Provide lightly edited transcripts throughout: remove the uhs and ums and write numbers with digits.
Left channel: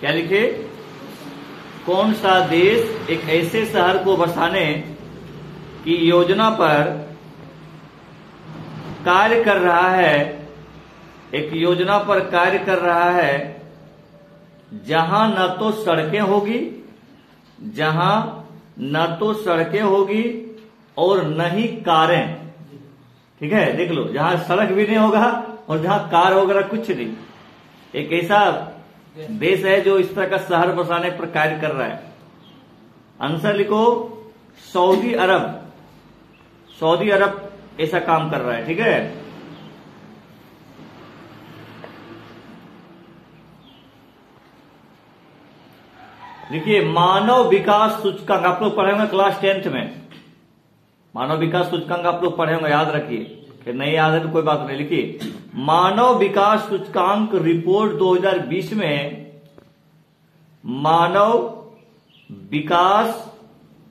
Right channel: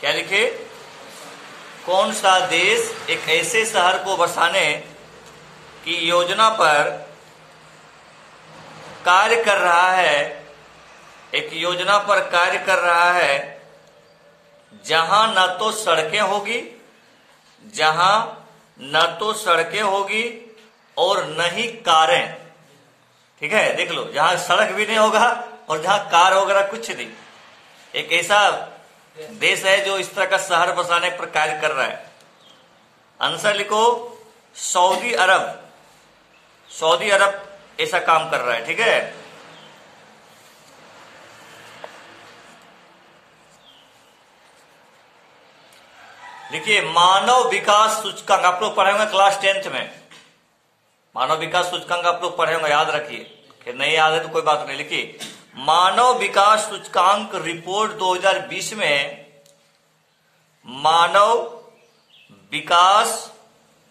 क्या लिखे? कौन सा देश एक ऐसे शहर को बसाने की योजना पर कार्य कर रहा है, एक योजना पर कार्य कर रहा है जहां न तो सड़कें होगी, जहां न तो सड़कें होगी और न ही कारें। ठीक है, देख लो, जहां सड़क भी नहीं होगा और जहां कार वगैरह कुछ नहीं। एक ऐसा देश है जो इस तरह का शहर बसाने पर कार्य कर रहा है। आंसर लिखो, सऊदी अरब। सऊदी अरब ऐसा काम कर रहा है। ठीक है, देखिए मानव विकास सूचकांक आप लोग पढ़े होंगे क्लास 10th में। मानव विकास सूचकांक आप लोग पढ़े होंगे, याद रखिए। कि नहीं याद है तो कोई बात नहीं। लिखिए, मानव विकास सूचकांक रिपोर्ट 2020 में मानव विकास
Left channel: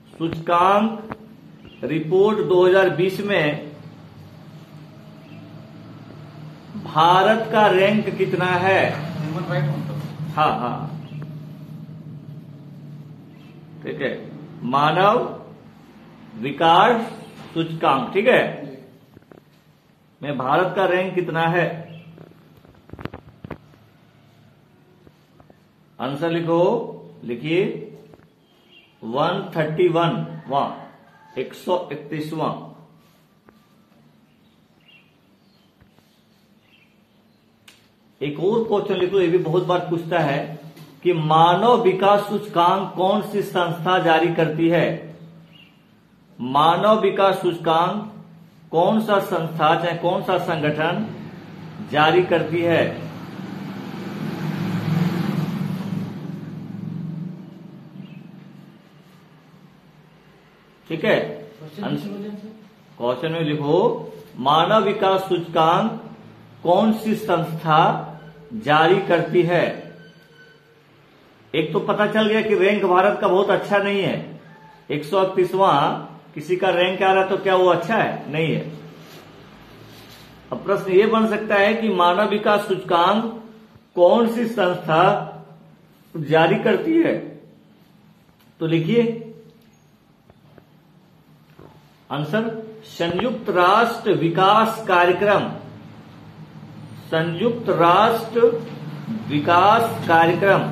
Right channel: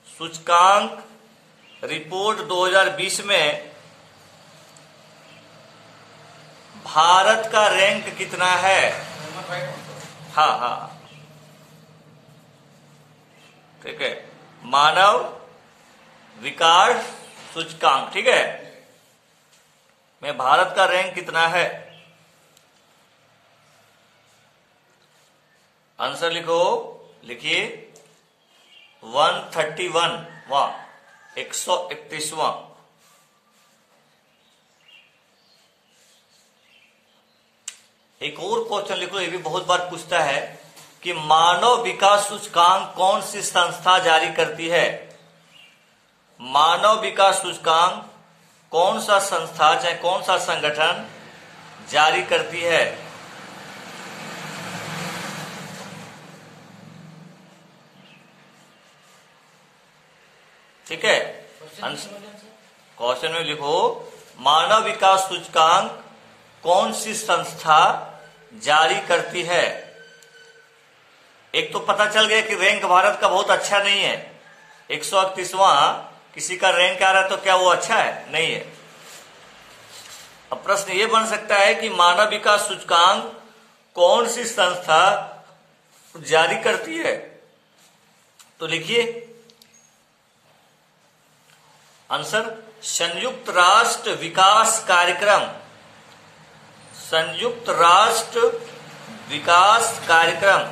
सूचकांक रिपोर्ट 2020 में भारत का रैंक कितना है? हाँ हाँ, ठीक है, मानव विकास सूचकांक, ठीक है, में भारत का रैंक कितना है? आंसर लिखो, लिखिए 131वां, 131वां। एक और क्वेश्चन लिखो, ये भी बहुत बार पूछता है कि मानव विकास सूचकांक कौन सी संस्था जारी करती है? मानव विकास सूचकांक कौन सा संस्था चाहे कौन सा संगठन जारी करती है? ठीक है, क्वेश्चन में लिखो मानव विकास सूचकांक कौन सी संस्था जारी करती है। एक तो पता चल गया कि रैंक भारत का बहुत अच्छा नहीं है, 131वां किसी का रैंक आ रहा है तो क्या वो अच्छा है? नहीं है। अब प्रश्न ये बन सकता है कि मानव विकास सूचकांक कौन सी संस्था जारी करती है? तो लिखिए आंसर, संयुक्त राष्ट्र विकास कार्यक्रम। संयुक्त राष्ट्र विकास कार्यक्रम।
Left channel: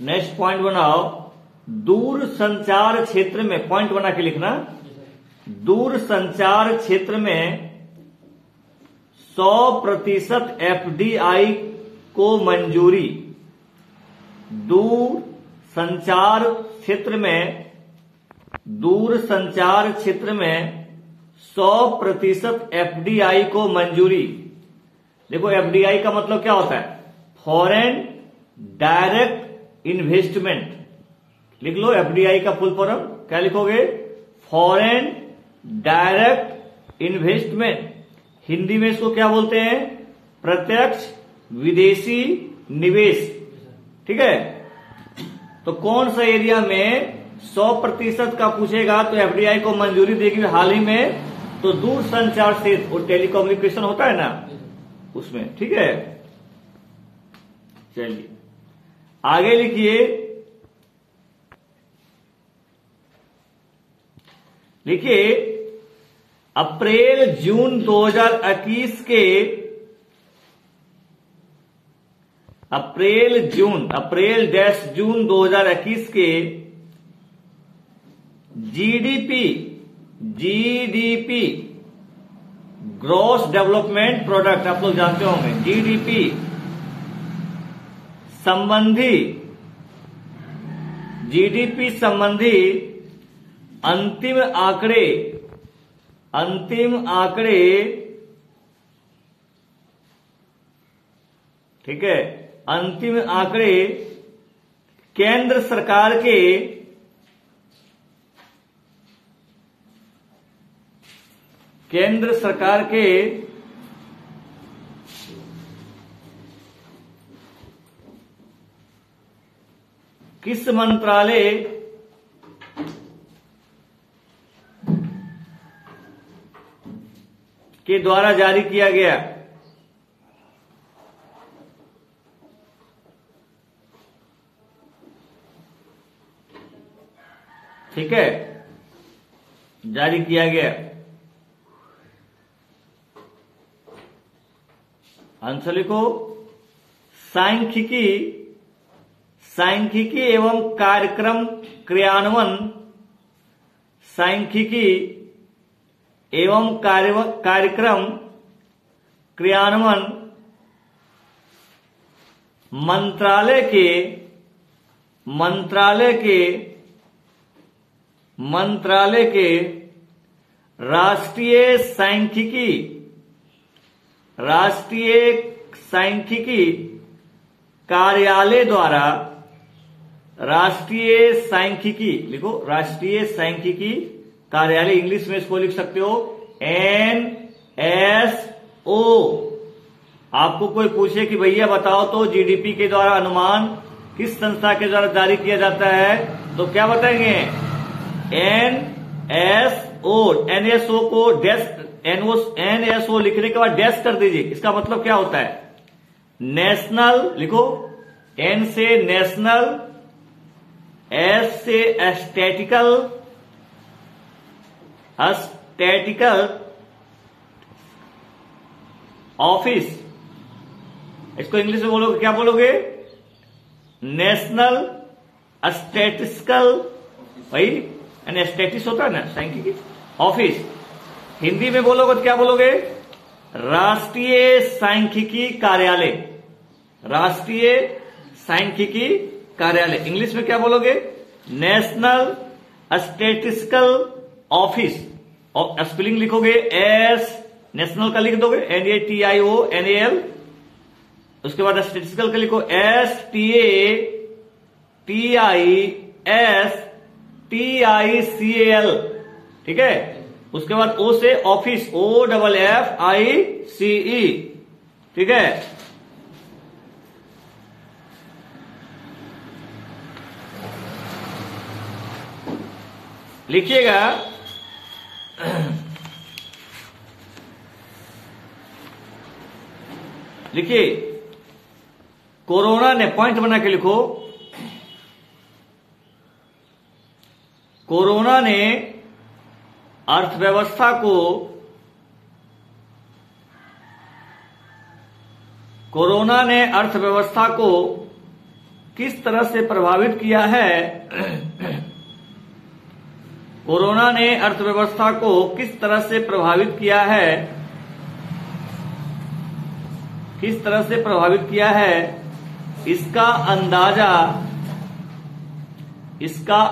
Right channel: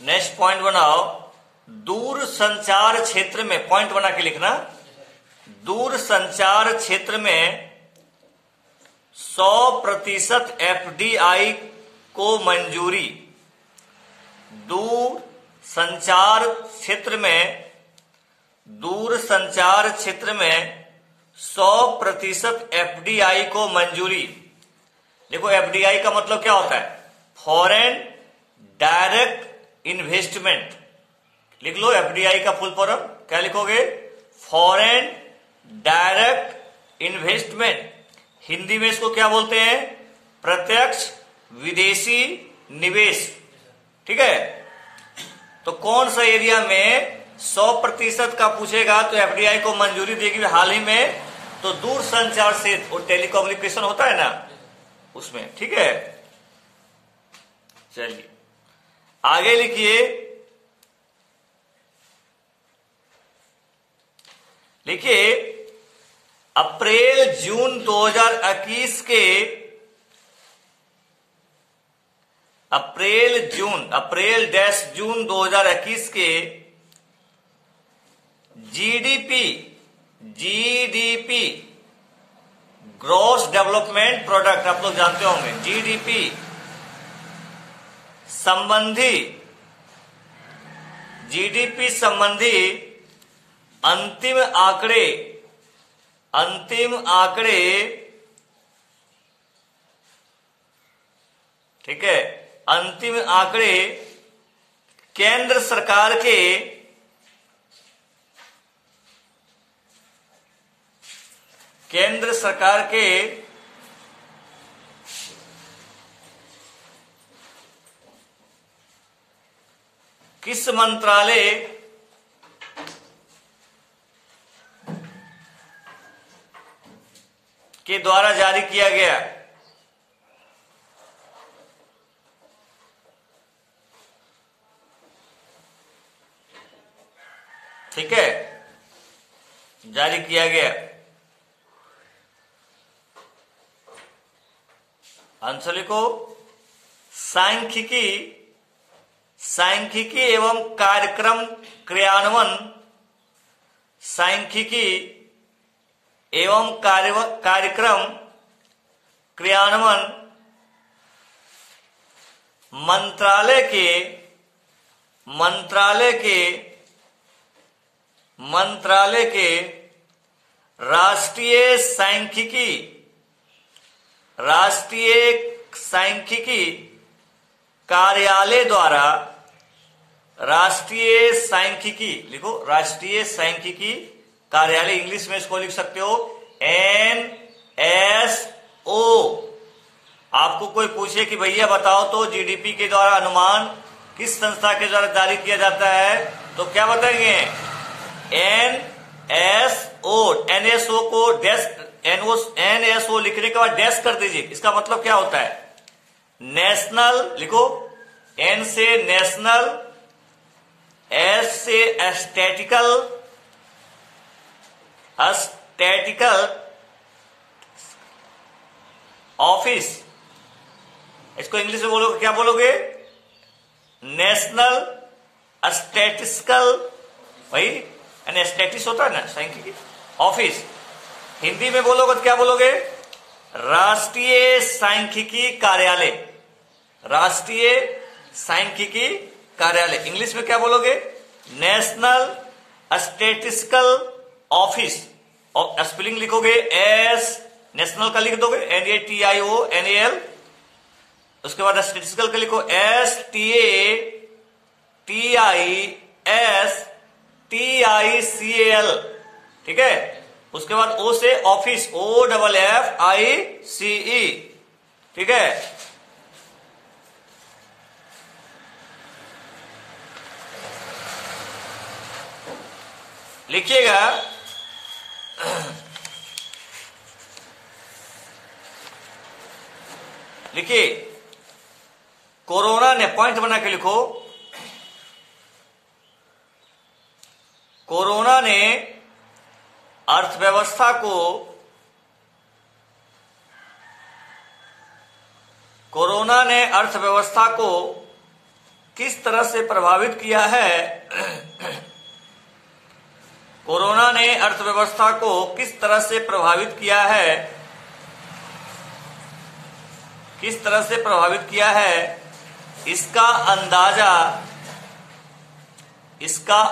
नेक्स्ट पॉइंट बनाओ, दूर संचार क्षेत्र में, पॉइंट बना के लिखना, दूर संचार क्षेत्र में 100% एफडीआई को मंजूरी। दूर संचार क्षेत्र में, दूर संचार क्षेत्र में 100% एफडीआई को मंजूरी। देखो एफडीआई का मतलब क्या होता है? Foreign direct investment. लिख लो एफडीआई का फुल फॉर्म, क्या लिखोगे? Foreign direct investment. हिंदी में इसको क्या बोलते हैं? प्रत्यक्ष विदेशी निवेश। ठीक है, तो कौन सा एरिया में 100% का पूछेगा तो एफडीआई को मंजूरी देगी हाल ही में, तो दूर संचार क्षेत्र और टेलीकम्युनिकेशन होता है ना उसमें। ठीक है, चलिए आगे लिखिए, लिखिए अप्रैल जून 2021 के, अप्रैल-जून 2021 के जीडीपी ग्रॉस डेवलपमेंट प्रोडक्ट, आप लोग जानते होंगे, जीडीपी संबंधी अंतिम आंकड़े, ठीक है, अंतिम आंकड़े केंद्र सरकार के किस मंत्रालय के द्वारा जारी किया गया। ठीक है, जारी किया गया। आंसर लिखो। सांख्यिकी, सांख्यिकी एवं कार्यक्रम क्रियान्वयन, सांख्यिकी एवं कार्यक्रम क्रियान्वयन मंत्रालय के राष्ट्रीय सांख्यिकी कार्यालय द्वारा, राष्ट्रीय सांख्यिकी लिखो, राष्ट्रीय सांख्यिकी कार्यालय, इंग्लिश में इसको लिख सकते हो NSO। आपको कोई पूछे कि भैया बताओ तो जीडीपी के द्वारा अनुमान किस संस्था के द्वारा जारी किया जाता है, तो क्या बताएंगे? NSO। NSO को NSO लिखने के बाद डैश कर दीजिए। इसका मतलब क्या होता है? नेशनल लिखो, N से नेशनल, S से स्टैटिकल ऑफिस। इसको इंग्लिश में बोलोगे, क्या बोलोगे? नेशनल स्टैटिस्टिकल, भाई स्टैटिस होता है ना सांख्यिकी ऑफिस। हिंदी में बोलोगे तो क्या बोलोगे? राष्ट्रीय सांख्यिकी कार्यालय, राष्ट्रीय सांख्यिकी कार्यालय। इंग्लिश में क्या बोलोगे? National statistical office. और स्पेलिंग लिखोगे एस, नेशनल का लिख दोगे NATIONAL, उसके बाद स्टैटिस्टिकल का लिखो STATISTICAL। ठीक है, उसके बाद O से ऑफिस, OFFICE। ठीक है, लिखिएगा। लिखिए, कोरोना ने, पॉइंट बना के लिखो, कोरोना ने अर्थव्यवस्था को किस तरह से प्रभावित किया है? कोरोना ने अर्थव्यवस्था को किस तरह से प्रभावित किया है? किस तरह से प्रभावित किया है? इसका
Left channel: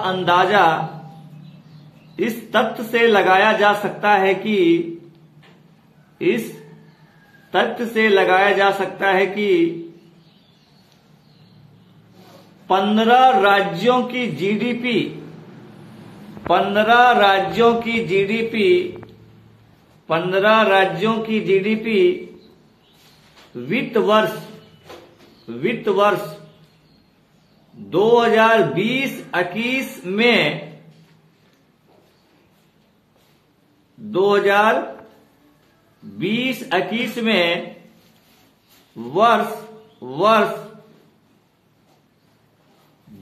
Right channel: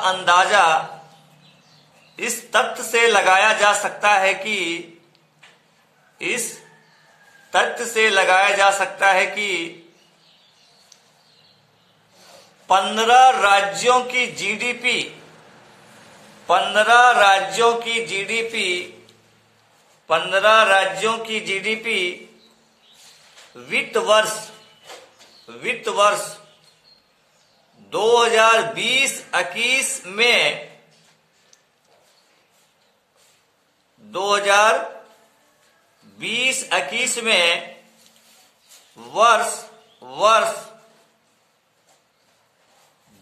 अंदाजा इस तथ्य से लगाया जा सकता है कि 15 राज्यों की जीडीपी वित्त वर्ष 2020-21 में 2020-21 में वर्ष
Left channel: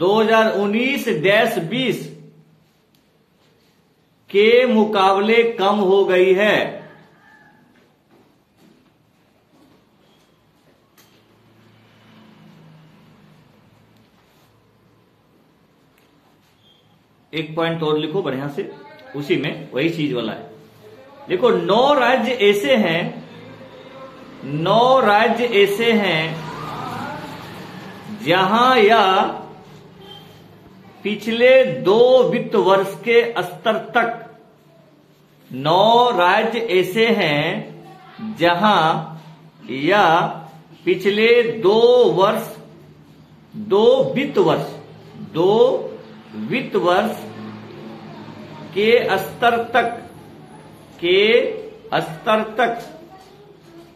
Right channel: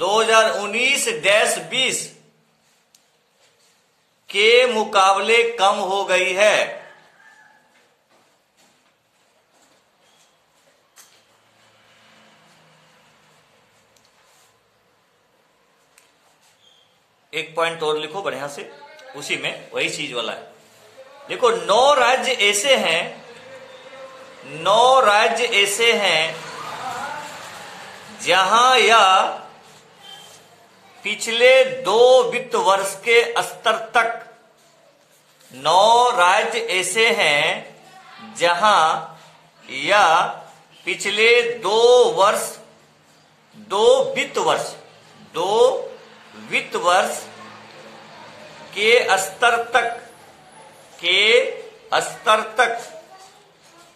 2019-20 के मुकाबले कम हो गई है। एक पॉइंट और लिखो बढ़िया से, उसी में वही चीज वाला है। देखो, 9 राज्य ऐसे हैं जहां या पिछले 2 वित्त वर्ष के स्तर तक, 9 राज्य ऐसे हैं जहां या पिछले 2 वित्त वर्ष के स्तर तक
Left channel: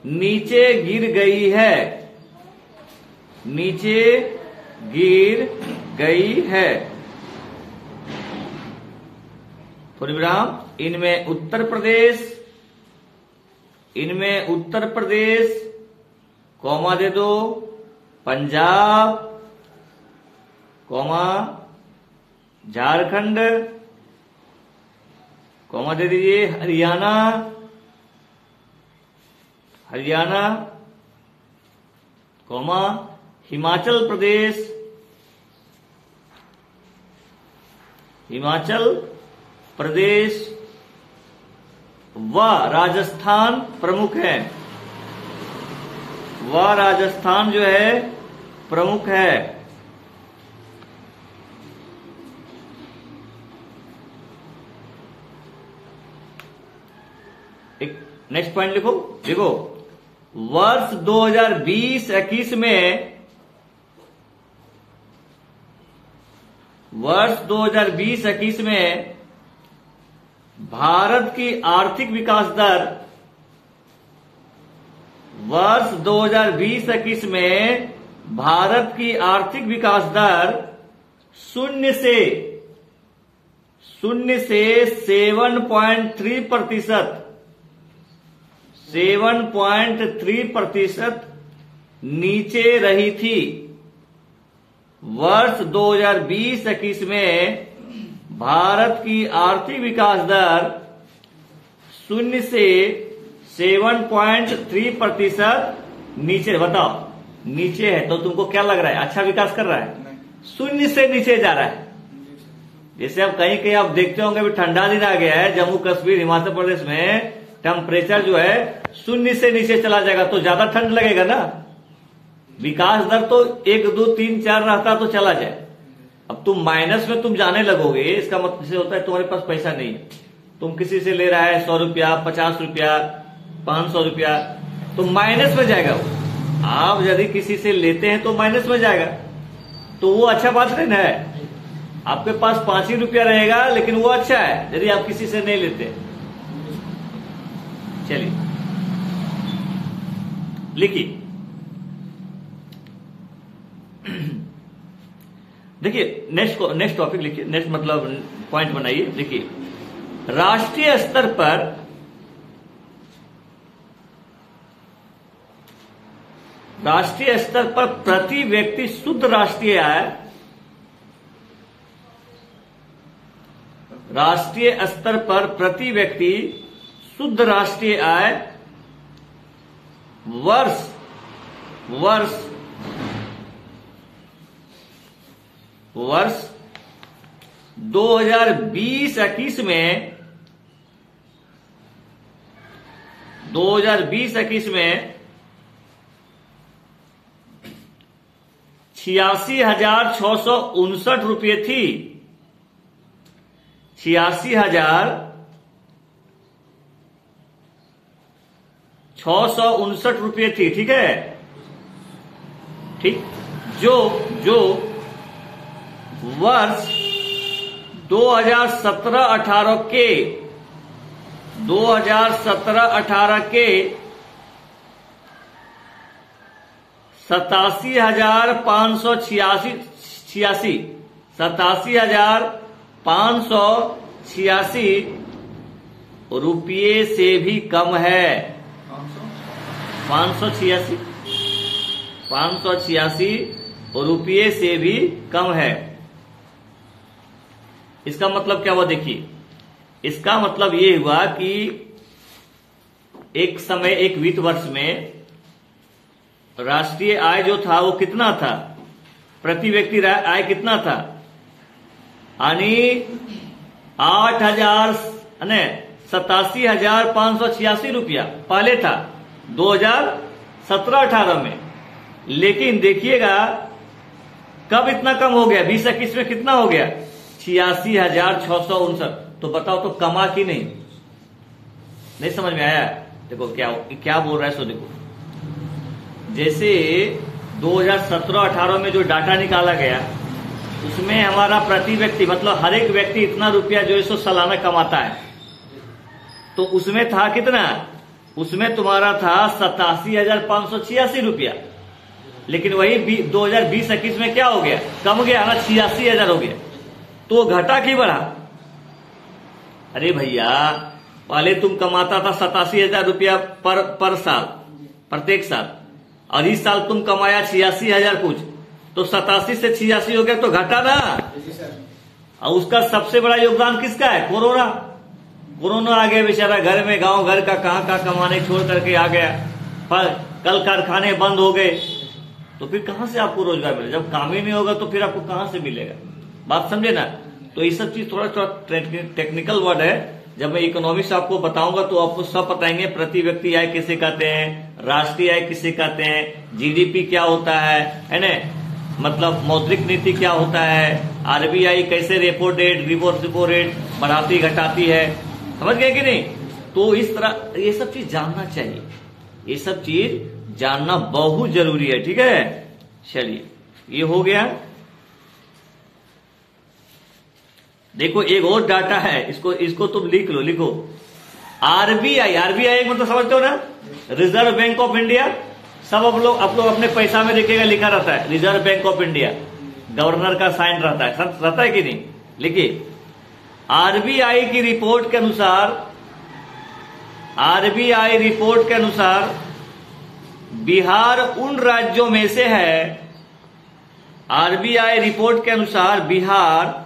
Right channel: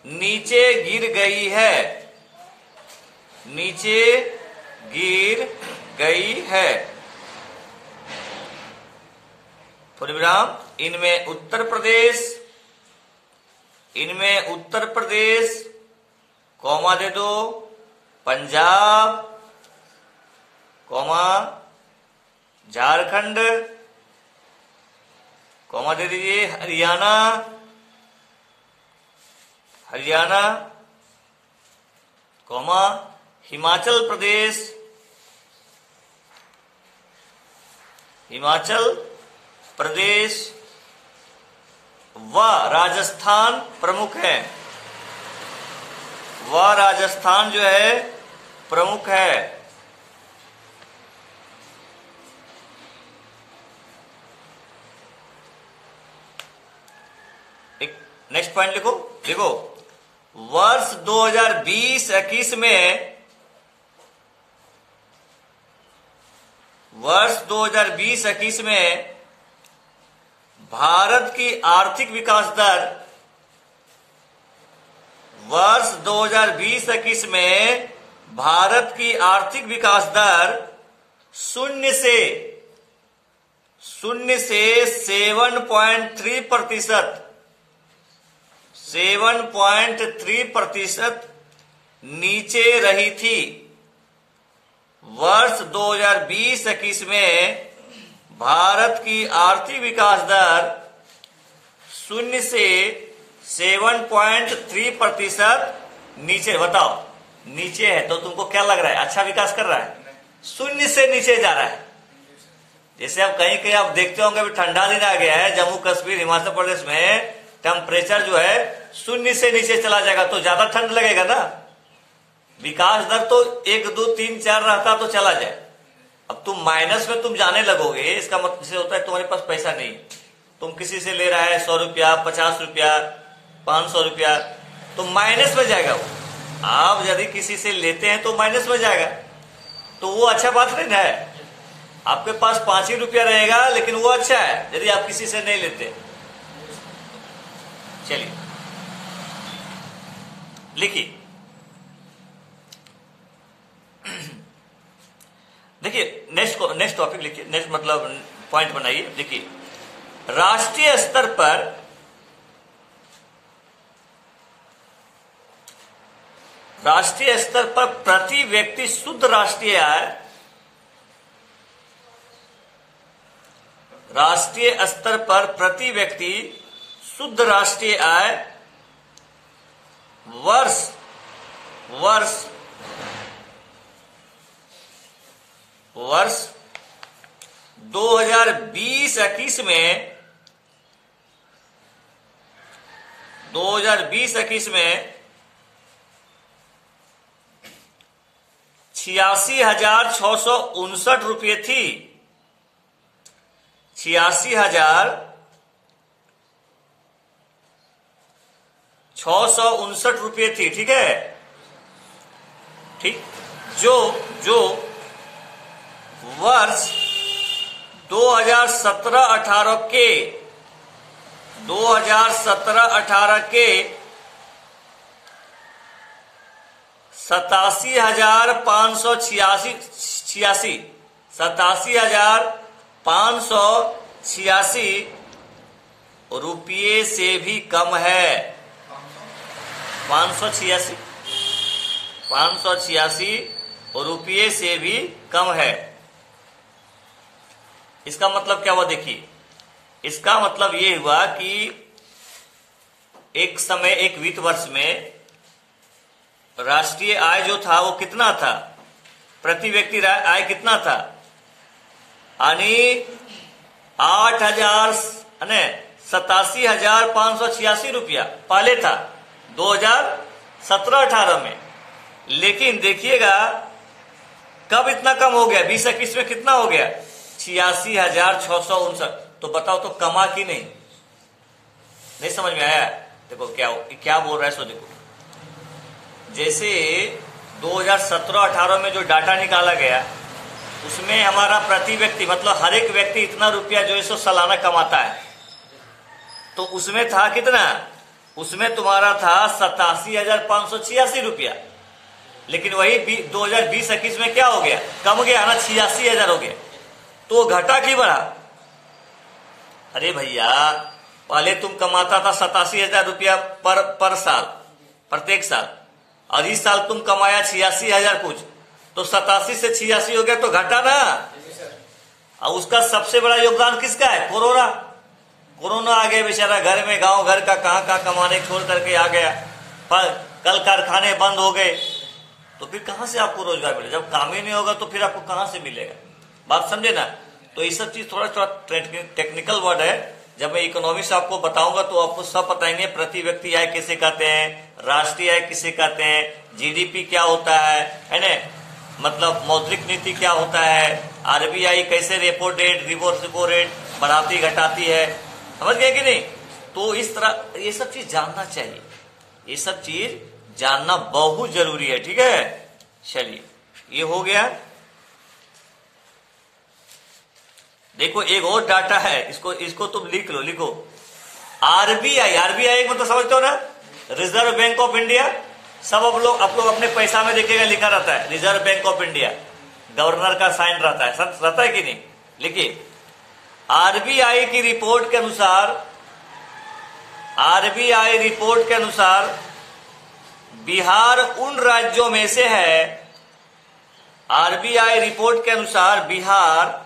नीचे गिर गई है। पूर्णविराम। इनमें उत्तर प्रदेश, इनमें उत्तर प्रदेश, कॉमा दे दो, पंजाब, कॉमा झारखंड, कॉमा दे दीजिए, हरियाणा, कॉमा हिमाचल प्रदेश, व राजस्थान प्रमुख है। व राजस्थान जो है प्रमुख है। एक नेक्स्ट पॉइंट लिखो, देखो वर्ष 2020-21 में, वर्ष 2020-21 में भारत की आर्थिक विकास दर, वर्ष 2020-21 में भारत की आर्थिक विकास दर 0 से 7.3%, 7.3% नीचे रही थी। वर्ष 2020-21 में भारत की आर्थिक विकास दर 0 से 7.3% नीचे। बताओ, नीचे है तो तुमको क्या लग रहा है? अच्छा विकास कर रहा है? 0 से नीचे जा रहा है। जैसे आप कहीं कहीं आप देखते होंगे अभी ठंडा दिन आ गया है, जम्मू कश्मीर, हिमाचल प्रदेश में टेम्परेचर जो है 0 से नीचे चला जाएगा तो ज्यादा ठंड लगेगा ना। विकास दर तो 1, 2, 3, 4 रहता तो चला जाए। अब तुम माइनस में तुम जाने लगोगे, इसका मतलब से होता है तुम्हारे पास पैसा नहीं। तुम किसी से ले रहा है 100 रुपया, 50 रुपया, 500 रुपया, तो माइनस में जाएगा वो। आप यदि किसी से लेते हैं तो माइनस में जाएगा, तो वो अच्छा बात नहीं है। आपके पास 5 ही रुपया रहेगा लेकिन वो अच्छा है यदि आप किसी से नहीं लेते। चलिए लिखिए, देखिए नेक्स्ट टॉपिक लिखिए, नेक्स्ट मतलब पॉइंट बनाइए। देखिए, राष्ट्रीय स्तर पर प्रति व्यक्ति शुद्ध राष्ट्रीय आय, राष्ट्रीय स्तर पर प्रति व्यक्ति शुद्ध राष्ट्रीय आय वर्ष 2020-21 में 86,659 रुपये थी। 86,659 रुपये थी। ठीक है, ठीक। जो वर्ष 2017-18 के 87,586 रुपये से भी कम है। 586 रुपये से भी कम है। इसका मतलब क्या हुआ? देखिए, इसका मतलब ये हुआ कि एक समय, एक वित्त वर्ष में राष्ट्रीय आय जो था वो कितना था? प्रति व्यक्ति आय कितना था? यानी 87,586 रुपया पहले था 2017-18 में। लेकिन देखिएगा कब इतना कम हो गया? 20-21 में कितना हो गया? 86,659। तो बताओ, तो कमा कि नहीं समझ में आया? देखो क्या बोल रहा है। सो देखो, जैसे 2017-18 में जो डाटा निकाला गया उसमें हमारा प्रति व्यक्ति मतलब हर एक व्यक्ति इतना रुपया जो है सालाना कमाता है, तो उसमें था कितना? उसमें तुम्हारा था 87,586 रुपया। लेकिन वही 2020-21 में क्या हो गया? कम गया ना, 86,000 हो गया। तो घटा कि बढ़ा? अरे भैया, पहले तुम कमाता था 87,000 रुपया पर साल, प्रत्येक साल, और इस साल तुम कमाया 86,000 कुछ, तो 87 से 86 हो गया तो घटा ना। और उसका सबसे बड़ा योगदान किसका है? कोरोना आ गया बेचारा, घर में गांव घर का कहां कमाने छोड़ करके आ गया, पर कल कारखाने बंद हो गए, तो फिर कहां से आपको रोजगार मिलेगा? जब काम ही नहीं होगा तो फिर आपको कहां से मिलेगा? बात समझे ना? तो ये सब चीज थोड़ा टेक्निकल वर्ड है, जब मैं इकोनॉमिक्स आपको बताऊंगा तो आपको सब बताएंगे। प्रति व्यक्ति आय किसे कहते हैं, राष्ट्रीय आय किसे कहते हैं, जीडीपी क्या होता है ना, मतलब मौद्रिक नीति क्या होता है, आरबीआई कैसे रेपो रेट बढ़ाती घटाती है, समझ गए कि नहीं? तो इस तरह ये सब चीज जानना चाहिए, ये सब चीज जानना बहुत जरूरी है, ठीक है। चलिए ये हो गया। देखो एक और डाटा है, इसको तुम लिख लो, लिखो आरबीआई मतलब समझते हो ना, रिजर्व बैंक ऑफ इंडिया। सब आप लोग अपने पैसा में देखिएगा लिखा रहता है reserve bank of India, governor का साइन रहता है कि नहीं? लिखिए आरबीआई की रिपोर्ट के अनुसार बिहार उन राज्यों में से है, आरबीआई रिपोर्ट के अनुसार बिहार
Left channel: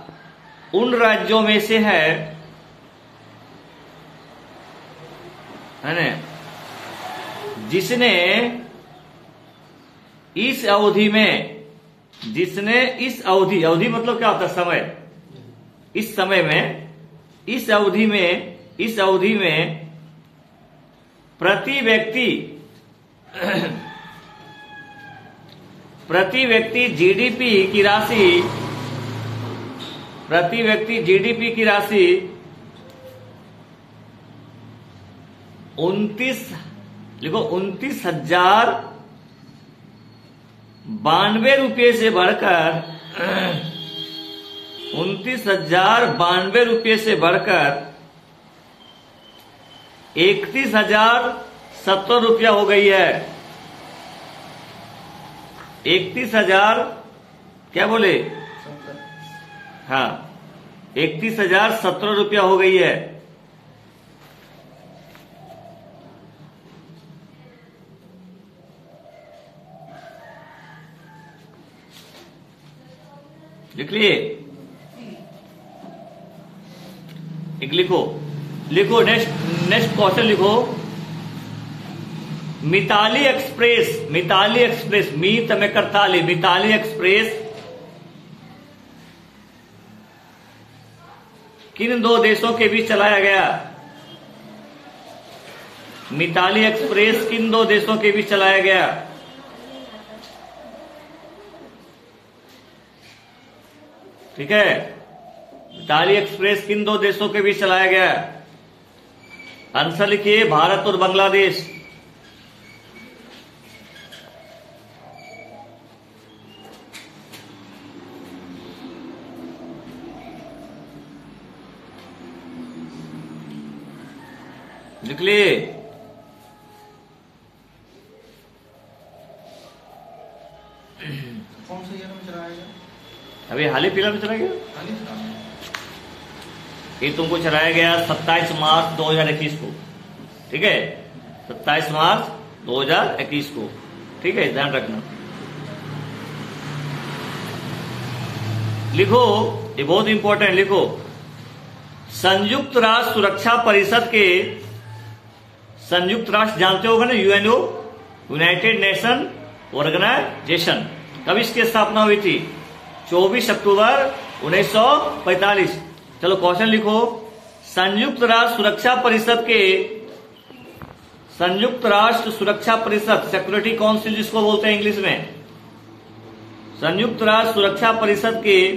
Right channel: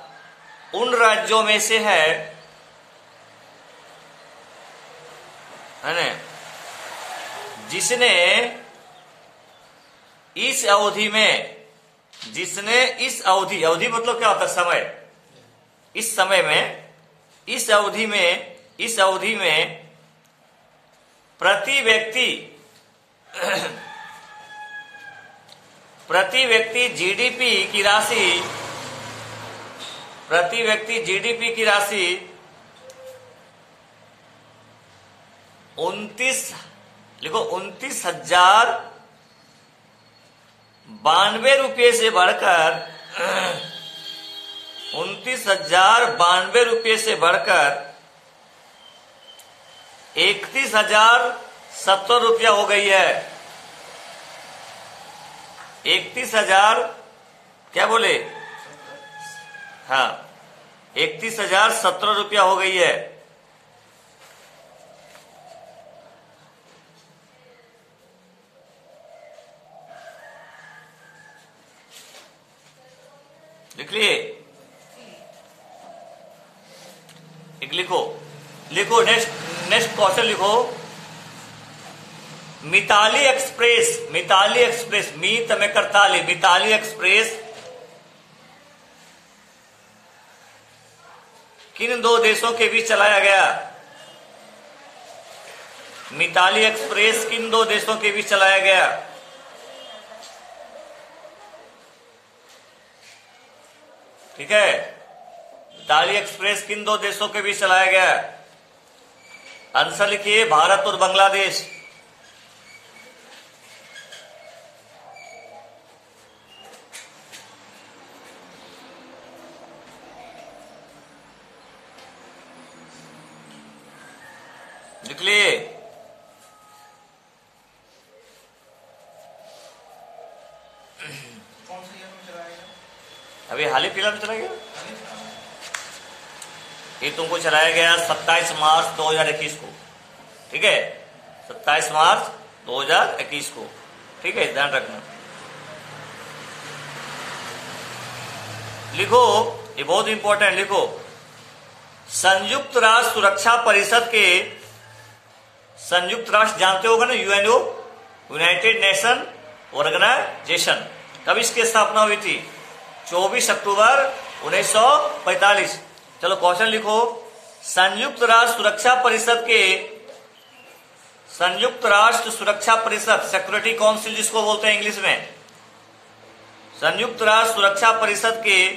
उन राज्यों में से है ना, जिसने इस अवधि मतलब क्या होता है? समय। इस अवधि में प्रति व्यक्ति जीडीपी की राशि 29,092 रुपये से बढ़कर 31,070 रुपया हो गई है। 31,000 क्या बोले? हाँ 31,017 रुपया हो गई है। लिख लिए? एक लिखो नेक्स्ट क्वेश्चन लिखो। मिताली एक्सप्रेस मिताली एक्सप्रेस किन दो देशों के बीच चलाया गया? मिताली एक्सप्रेस किन दो देशों के बीच चलाया गया? ठीक है, मिताली एक्सप्रेस किन दो देशों के बीच चलाया गया? आंसर लिखिए, भारत और बांग्लादेश। लिख लिए? अभी हाल ही फिलहाल में चला गया, ये तुमको चलाया गया 27 मार्च 2021 को। ठीक है, 27 मार्च 2021 को। ठीक है, ध्यान रखना। लिखो, ये बहुत इंपॉर्टेंट, लिखो संयुक्त राष्ट्र सुरक्षा परिषद के, संयुक्त राष्ट्र जानते होगा ना, यूएनओ, यूनाइटेड नेशन ऑर्गेनाइजेशन, कब इसकी स्थापना हुई थी? 24 अक्टूबर 1945। चलो क्वेश्चन लिखो, संयुक्त राष्ट्र सुरक्षा परिषद के, संयुक्त राष्ट्र सुरक्षा परिषद, सिक्योरिटी काउंसिल जिसको बोलते हैं इंग्लिश में, संयुक्त राष्ट्र सुरक्षा परिषद के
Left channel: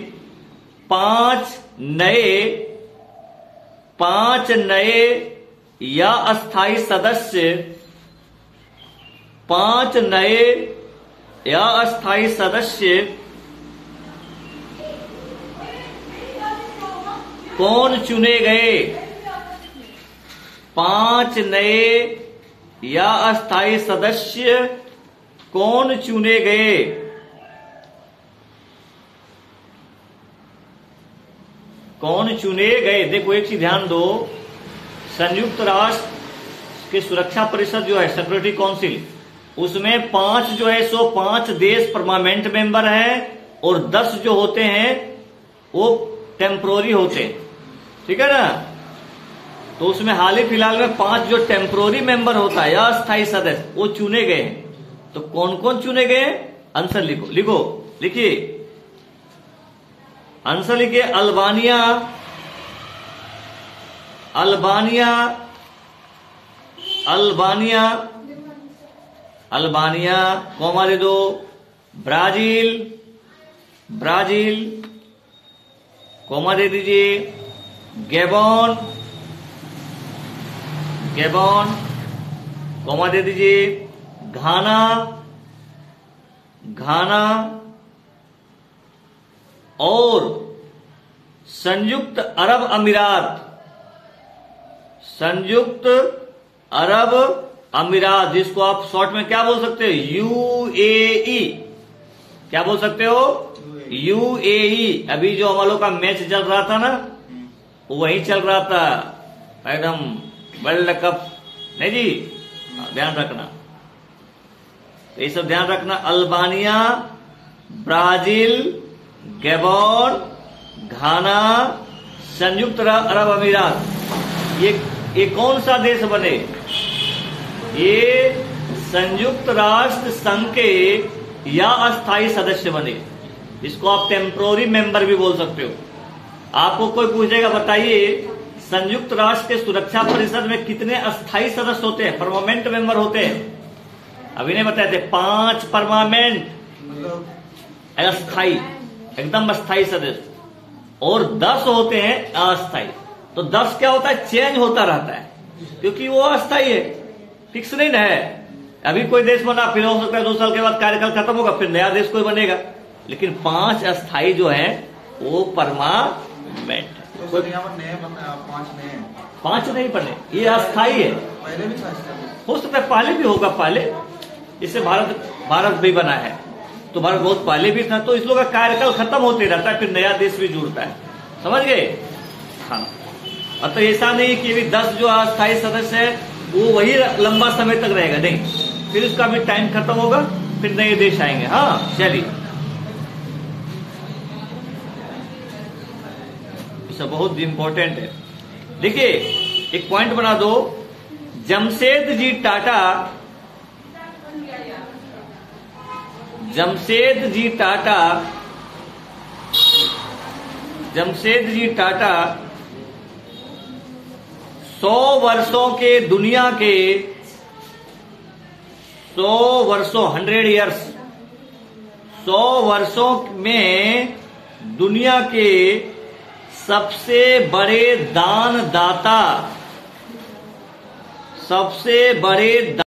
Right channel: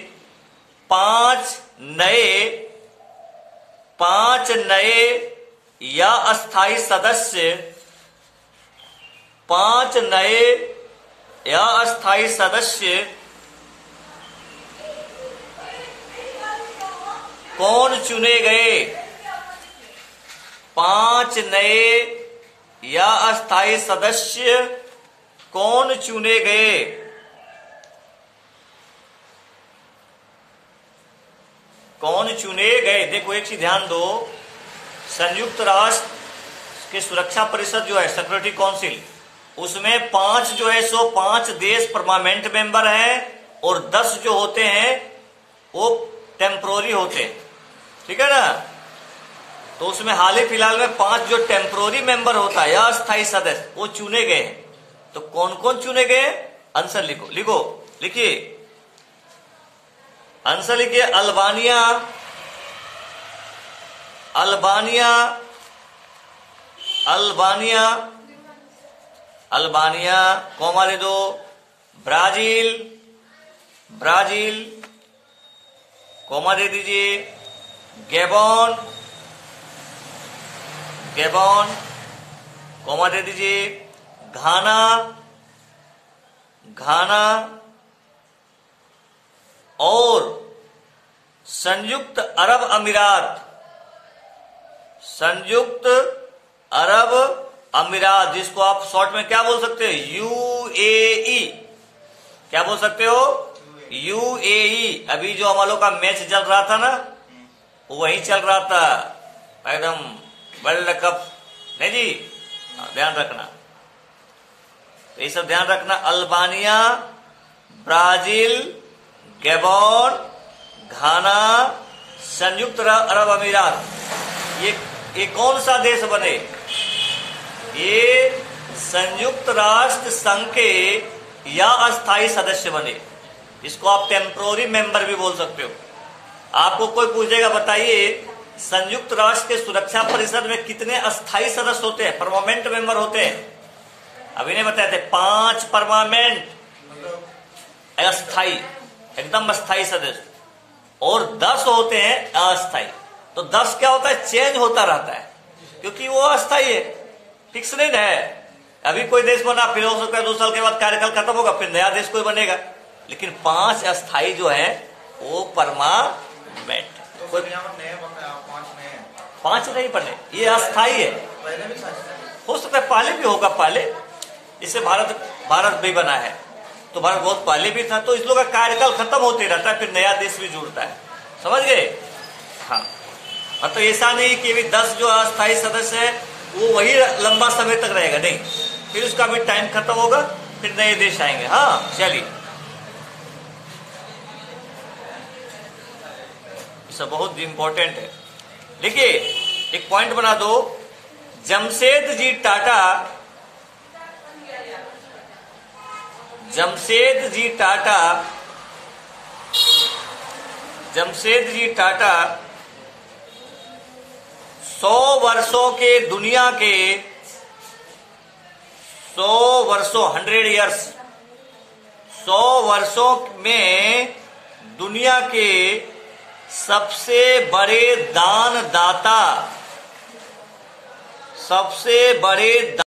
5 नए या अस्थायी सदस्य, 5 नए या अस्थायी सदस्य कौन चुने गए? 5 नए या अस्थायी सदस्य कौन चुने गए? कौन चुने गए? देखो एक चीज ध्यान दो, संयुक्त राष्ट्र की सुरक्षा परिषद जो है सिक्योरिटी काउंसिल, उसमें 5 जो है सो 5 देश परमानेंट मेंबर हैं और 10 जो होते हैं वो टेम्पोररी होते हैं, ठीक है ना। तो उसमें हाल ही फिलहाल में 5 जो टेम्पोररी मेंबर होता है या अस्थायी सदस्य वो चुने गए हैं। तो कौन कौन चुने गए? आंसर लिखिए आंसर लिखिए। अल्बानिया, कॉमा दे दो। ब्राजील, कॉमा दे दीजिए। गैबोन, कॉमा दे दीजिए। घाना, और संयुक्त अरब अमीरात, जिसको आप शॉर्ट में क्या बोल सकते हो? यूएई। क्या बोल सकते हो? यूएई। अभी जो हम लोग का मैच चल रहा था ना, वही चल रहा था एकदम वर्ल्ड कप, नहीं जी, ध्यान रखना। तो ये सब ध्यान रखना। अल्बानिया, ब्राजील, गैबोन, घाना, संयुक्त अरब अमीरात, ये कौन सा देश बने? ये संयुक्त राष्ट्र संघ के या अस्थायी सदस्य बने। इसको आप टेम्पोररी मेंबर भी बोल सकते हो। आपको कोई पूछेगा, बताइए संयुक्त राष्ट्र के सुरक्षा परिषद में कितने अस्थायी सदस्य होते हैं, परमानेंट मेंबर होते हैं? अभी नहीं बताए थे, 5 परमानेंट, अस्थायी, एकदम अस्थायी सदस्य, और 10 होते हैं अस्थायी। तो 10 क्या होता है? चेंज होता रहता है, क्योंकि वो अस्थायी है, फिक्स नहीं है। अभी कोई देश बना, फिर हो सकता है 2 साल के बाद कार्यकाल खत्म होगा, फिर नया देश कोई बनेगा। लेकिन 5 अस्थायी जो है वो परमानेंट है। 5 नहीं बने, ये अस्थायी है। हो सकता है पहले भी होगा, पहले इससे भारत भी बना है, तो भारत बहुत पहले भी था। तो इस लोग का कार्यकाल खत्म होते रहता है, फिर नया देश भी जुड़ता है, समझ गए? हाँ, तो ऐसा नहीं कि 10 जो अस्थायी सदस्य है वो वही लंबा समय तक रहेगा, नहीं, फिर उसका भी टाइम खत्म होगा, फिर नए देश आएंगे। हाँ, चलिए, सब बहुत इंपॉर्टेंट है। देखिए, एक पॉइंट बना दो। जमशेद जी टाटा 100 वर्षों के दुनिया के 100 वर्षों में दुनिया के सबसे बड़े दानदाता